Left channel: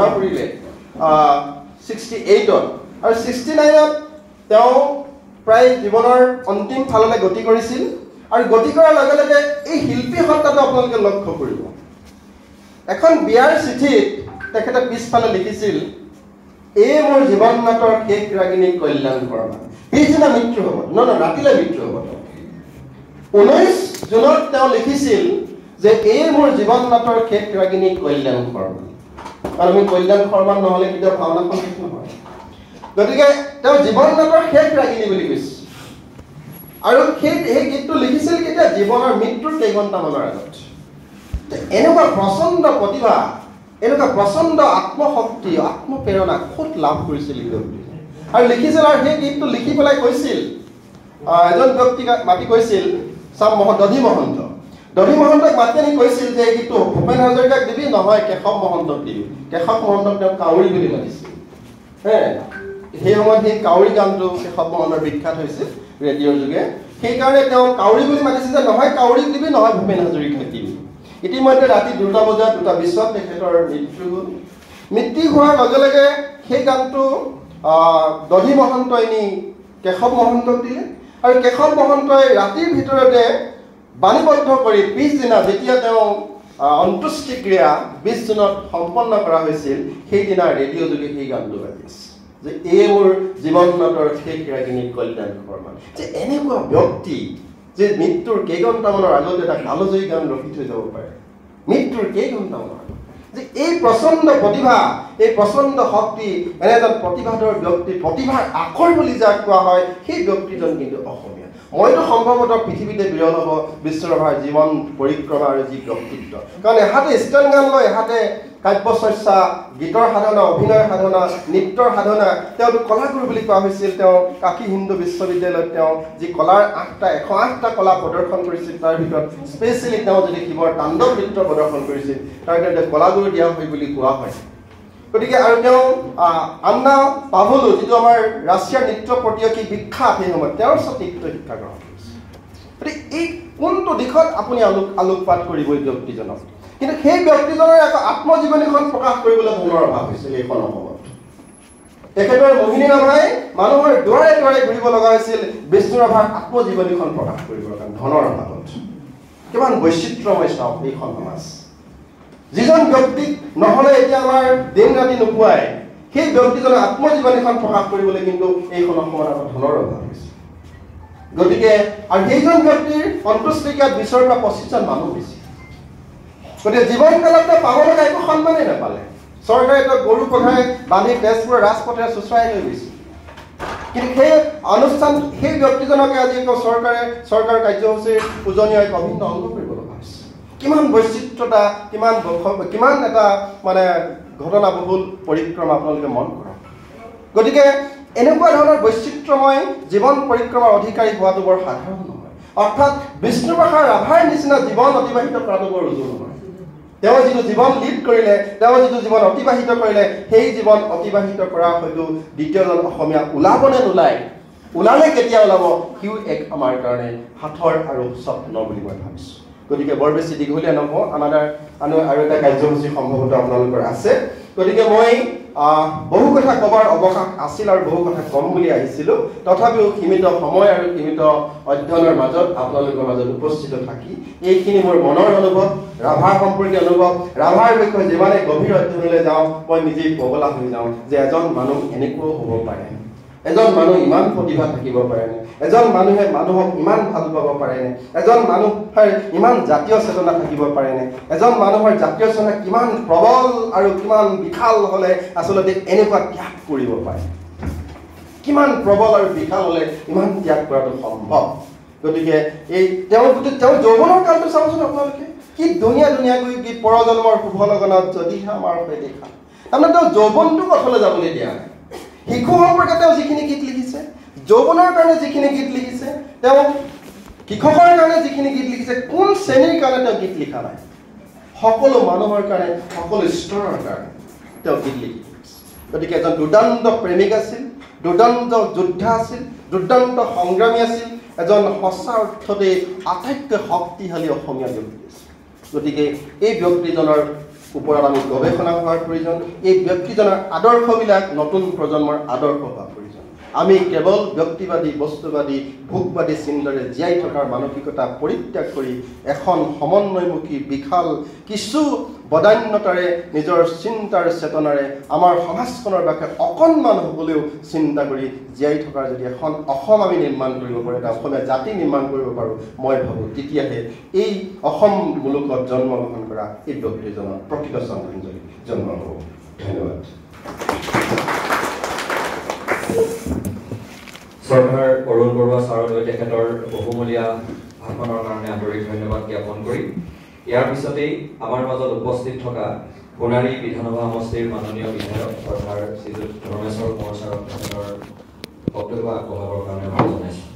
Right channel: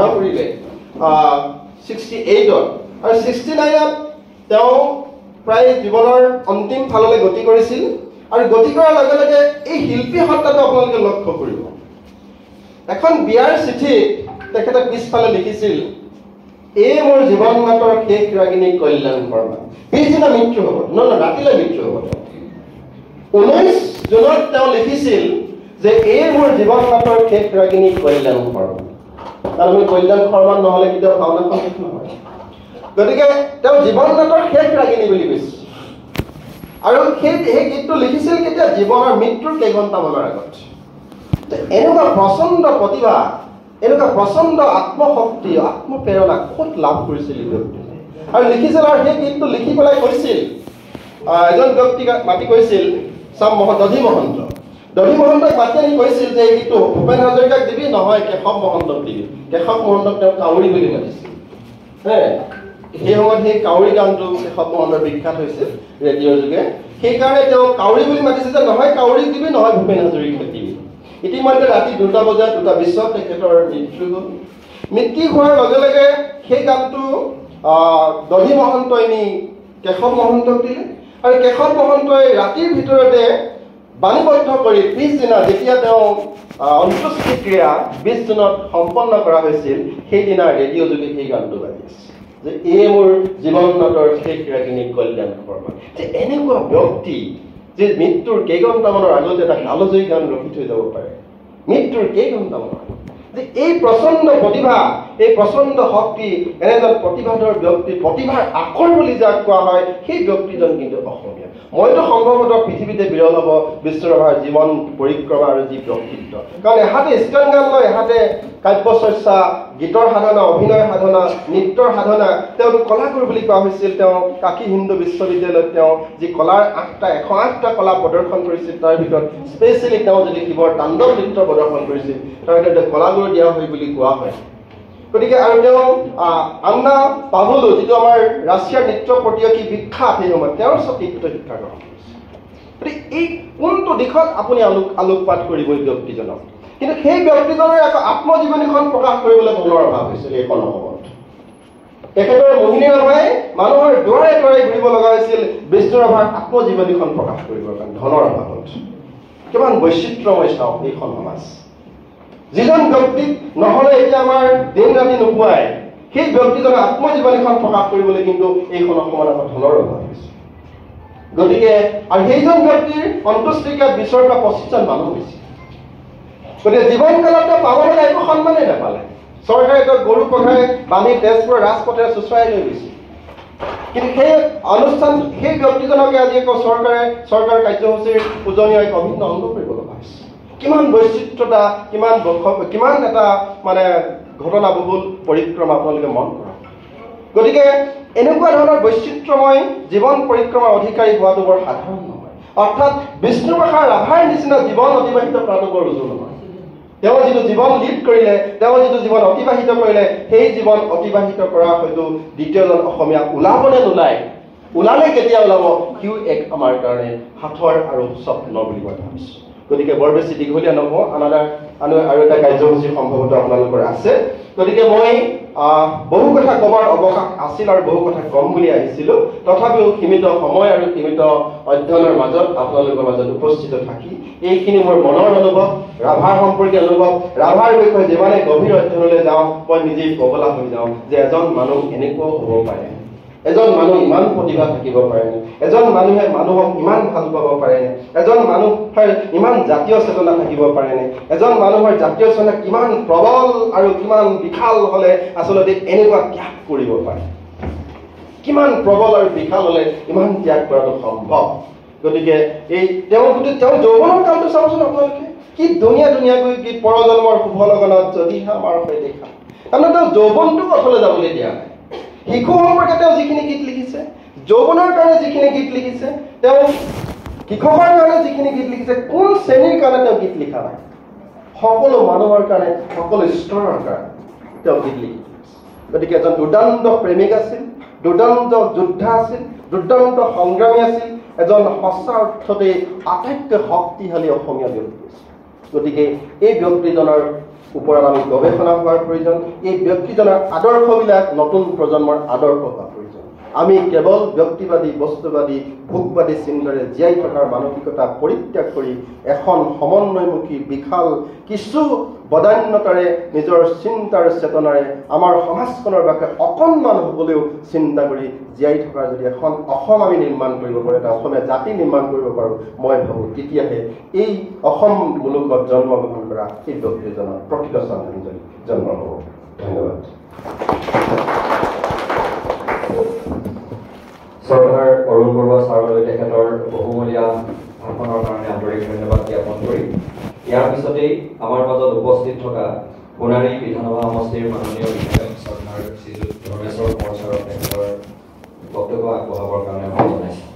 কৰিলে 68 আৰু 69 তেওঁ প্ৰায় জীৱনৰ অন্তিম ফাললৈ গতি কৰিছিল আৰু গতি কৰাৰ লগে লগে এই শিল্পী সত্তাটো আপোনালোকে লক্ষ্য কৰিব এখন বিয়াৰ চিঠিত তেখেতে পিছফালে লিখিছিল এই মোৰ জীৱন নাটৰ শেষ ৰাগিনী কল্যাণ শৰ্মা পিছদিনা মৃত্যু হ'ব ৰাতিলৈ মৃত্যু হ'ব 19 জুনত তেওঁ লিখিছিল যে এই মোৰ জীৱন নাটৰ শেষ ৰাগিনী কল্যাণ শৰ্মা কাৰণ আমি কল্যাণ শৰ্মা নহলে কেতিয়াও ভাওনাখন শেষ নহয় গতিকে তেওঁ জীৱন নাটৰ শেষ ৰাগিনী বুলি কৈছে আৰু সেই গীতটো লিখিছিল কেতিয়া জীৱনৰ মৃত্যুৰ কেইঘণ্টামানৰ আগত এনেকুৱা প্ৰচণ্ড প্ৰতিভা এনেকুৱা প্ৰচণ্ড আত্মশক্তি আত্মপ্ৰেৰণা খুব লাভ কৰিছিল আৰু লিখিছিল আৰু সেই গীতটো লিখি পেলাই কৈছিল এজন ব্যক্তিক মাতি কৈছিল দধি মহন্তক মাতি আনি কৈছিল যে এই গীতটো ভূপেন হাজৰিকাক দিবি নহয় কেশৱ মহন্তক দিবি কেশৱ মহন্তক তেওঁ কাউৰী বুলি মাতিছিল সেই সময়ত সেই কাউৰী গানটো কেশৱ মহন্তৰ বিখ্যাত হৈছিল ৰেডিঅ'ৰ যোগে সেইকাৰণে তেওঁ কাউৰী বুলি মাতিছিল যে নহয় কাউৰীক দিবি নহয় ভূপেন হাজৰিকাক দিবি ইতিমধ্যে ৰাতি 2টা বজাত 2টা বিশ্বত তেখেতৰ মৃত্যু হ'ল মৃত্যু হোৱাৰ লগে লগে সেই গানটো দধি মহন্তই নি কেশৱ মহন্তক দিলে আৰু কেশৱ মহন্তই ৰাতিৰ ভিতৰতে বাণীবদ্ধ কৰি পিছদিনা যেতিয়া তেওঁ অন্ত্যেষ্টিক্ৰিয়া 20 জুনত সম্পন্ন কৰা হৈছিল সেইদিনা ৰেডিঅ' যোগে সেই গানটো বাজিছিল যে এই মোৰ জীৱন নাটৰ শেষ ৰাগিনী কল্যাণ শৰ্মা যে এনেকুৱা ব্যক্তি যে মৃত্যুৰ কেইঘণ্টামানৰ আগতে এটা কালজয়ী গান ৰখি থৈ যাব পাৰে মৃত্যুৰ কেইঘণ্টামানৰ যে এই প্ৰচণ্ড প্ৰতিভা এই প্ৰচণ্ড শক্তি এনে এজন প্ৰতিভাধৰ ব্যক্তি প্ৰতিভাৰ আখৰ বুলি যাক কোৱা হয় সেই ব্যক্তিজন কিন্তু অসমীয়া মইতো সম্ভৱতঃ পৃথিৱীতে বিৰল হ'ব বিশ্বৰভাৰ জীৱন পৰিক্ৰমা আৰু যি ব্যক্তিত্ব কাৰণ এহাতে ষ্টেন গান লয় এহাতে কাব্য চৰ্চা গীতৰ সাধনা অভিনয় সাধনা নৃত্যৰ সাধনা তেওঁ কলাগুৰু বুলি কোৱা হৈছিল তেওঁ কাশী হিন্দু বিশ্ববিদ্যালয়ত তেওঁ যি কলাৰ 108টা কলা প্ৰদৰ্শন কৰিছিল তাৰ ভিতৰত স্পেচিয়েলি তেওঁ যদি শিৱৰ তাণ্ডৱ নৃত্য প্ৰদৰ্শন কৰিছিল তাৰ কাৰণে কলাগুৰু দিয়া হয় বুলি কোৱা হয় গতিকে আৰু তেওঁ আন্না পাভলো যিটো আমাৰ ৰাছিয়াৰ নৃত্য প্ৰতিযোগী বিখ্যাত সেই সময়ত তেওঁৰ সঠিকত শিক্ষা গ্ৰহণ কৰিছিল গতিকে এই কোনটো দিশত আপুনি আলোকপাত কৰিব এই ব্যক্তিজনক কিন্তু সেই ব্যক্তিজনৰ এক আত্মজীৱনীখন প্ৰকাশ কৰিবলৈ ধনৰ অভাৱ হৈছিল এইখন সময়ত তেখেতৰ মোহিনী ৰাভাই মানুহৰ দুৱাৰে দুৱাৰে ঘূৰিব লগা হৈছিল বিষ্ণু ৰাভাৰ আত্মজীৱনীখন প্ৰকাশ কৰিবৰ কাৰণে ধনৰ অভাৱত কিমান বৈচিত্ৰ্যময় চাওক এইখন সমাজ যিজন ব্যক্তিক নহলে এতিয়া আমাৰ দিন ৰাতি নোপোৱাই সেই ব্যক্তিজনৰ আত্মজীৱনীখন প্ৰকাশ কৰিবলৈ কিন্তু এইখন সময়ত ধনৰ অভাৱ হৈছে গতিকে আৰু সেইজন ব্যক্তিৰ অন্ত্যেষ্টিক্ৰিয়াত 20 পৰা 25 জন মানুহ হৈছে গতিকে জীৱনকালত পাব লগা একো সন্মানেই নাপালে চৰকাৰে গৰু কঢ়াই বান্ধি তেজপুৰৰ ৰাজপথেৰে চুচৰাই লৈ গৈছিল কিন্তু সেই অনুষ্ঠান সেই ব্যক্তিজনকে আজি আকৌ চৰকাৰ কাৰ্যসূচীৰ পূজনীয় এক অভিন্ন অংগ কৰিব লগা হৈছে কিমান বৈচিত্ৰতা কিমান এটা মানে ঘটনাবহুল পৰিক্ৰমা আপোনালোকে মন কৰক গতিকে এনেকুৱা ধৰণৰ বৈচিত্ৰ্যময় জীৱন পৰিক্ৰমাৰ অধিকাৰী হোৱাটো বৰ সাধাৰণ নহয় অৰ্থাৎ বিষ্ণুপ্ৰসাদ ৰাভাৰ নিচিনা জীৱন অতিবাহিত কৰাটো বৰ উজু নহয় তেওঁ যিটো জীৱন লিড কৰিলে তেওঁ যিটো জীৱন অতিবাহিত কৰিলে সেই জীৱন অতিবাহিত কৰা হয়তো দ্বিতীয়জন অসমীয়া ওলাবনে নোলায় ওলালে কেতিয়া ওলাব সিও এক আমাৰ কাৰণে সাঁথৰ আৰু স্বপ্ন বুলি মই ভাবিছোঁ গতিকে বৰ বেছি দীঘলীয়া নহওঁ আৰু এটা কাৰ্যসূচী সম্ভৱতঃ আপোনালোকৰ আছে গতিকে মই বহু কথা ক'বৰ অৱকাশ আছিল আৰু বহু কথা কম বুলি আহিছিলোঁ তথাপিও সীমিত সময় আৰু সীমিত অধ্যয়নৰ মাজত আপোনালোকৰ মাজত উপস্থিত থাকি এইখিনি মোৰ মনৰ অনুভৱ ৰাভাৰ সম্পৰ্কীয় অনুভৱ ৰাভাৰ বিষয়ে যিমানে গভীৰ অধ্যয়নলৈ যাওঁ মই নিজেই পগলা হৈ যাওঁ যে এজন মানুহ এনেকুৱাও হ'ব পাৰে এজন মানুহ ইমান প্ৰতিভা থাকিব পাৰেনে এজন মানুহে মানুহক ইমান ভাল পাব পাৰেনে এজন মানুহৰ ইমান জাতীয় চেতনা থাকিব পাৰেনে এজন মানুহৰ জাতীয় চেতনা কিমান প্ৰবল আৰু কিমান বিশাল হ'লে আচলতে এনেকুৱা ত্যাগ কৰিব পাৰে কিমান প্ৰবল আৰু বিশাল হ'লে ইমান ত্যাগ কৰাটো সম্ভৱ গতিকে এই তেওঁ যৌৱনৰ কালটো চাওকচোন আপোনালোকে কি ধুনীয়াকৈ কি পৰজন্মৰ শুভ লগনত যদিহে আমাৰ হৈ দেখা তাৰমানে তেওঁ যৌৱনটো পথলৈ যাবলৈ দিয়া নাই শিশু সম্পৰ্কে তেওঁ যিখিনি গীত লিখিছে যৌৱনৰ কাৰণে যিখিনি গীত লিখিছে তেওঁ শিক্ষকৰ কাৰণে যিখিনি গীত লিখিছে কোন শ্ৰেণীৰ কাৰণে তেওঁ গীত লিখা নাই সকলো মানুহৰ কাৰণে সকলো স্তৰৰ কাৰণে তেওঁ গীত লিখি গতিকে এজন দুৰ্দান্ত প্ৰেমিক আছিল দুৰ্দান্ত যোদ্ধা আছিল দুৰ্দান্ত সংগ্ৰামী আছিল এজন সঁচা অৰ্থতে আটাইতকৈ শক্তিশালী অসমীয়া ব্যক্তি আছিল গতিকে এই ব্যক্তিজনৰ ওপৰত আমি গৱেষণা কৰাৰ প্ৰয়োজন এই ব্যক্তিজনৰ আদৰ্শবিলাক নতুন প্ৰজন্মৰ আদৰ্শ হোৱা প্ৰয়োজন আমি কেৱল ব্যক্তিবাদী বস্তুবাদী ভোগবাদী চিন্তাৰে জীয়াই থকাৰ মানসিকতা পৰিত্যাগ কৰি এখন সমন্বয়মুখী বিশাল কিছু বদান্যতাৰে নিজৰ চিন্তাৰ চেতনাৰে আমাৰ সমাজখনৰ বাবে অকণমান হ'লেও চিন্তা কৰি জীয়াই থকাৰ যদি এখন অসম আমি নিৰ্মাণ কৰিব পাৰোঁ এটা অসমীয়া জাতি নিৰ্মাণ কৰিব পাৰোঁ মই ভাবোঁ তেতিয়াহে এই অসম মুলুকত জন্মগ্ৰহণ কৰা এই ব্যক্তিজনৰ প্ৰকৃত শ্ৰদ্ধাঞ্জলি জন্ম হ'ব ধন্যবাদ চৰকাৰ অৰুণ বৰুৱা ছাৰলৈ তেখেতৰ বহুমূলীয়া ভাষণৰ কাৰণে আন্তৰিক ধন্যবাদ জ্ঞাপন কৰি ইয়াৰ পিছতেই আমাৰ মাজত উপস্থিত থকা সোণাৰী বিধানসভা সমষ্টিৰ মাননীয় বিধায়ক চৰকাৰ শ্ৰীযুত ধৰ্মেশ্বৰ কোঁৱৰ ছাৰক তেখেতৰ বক্তব্য আগবঢ়াবৰ কাৰণে অনুৰোধ জনাইছোঁ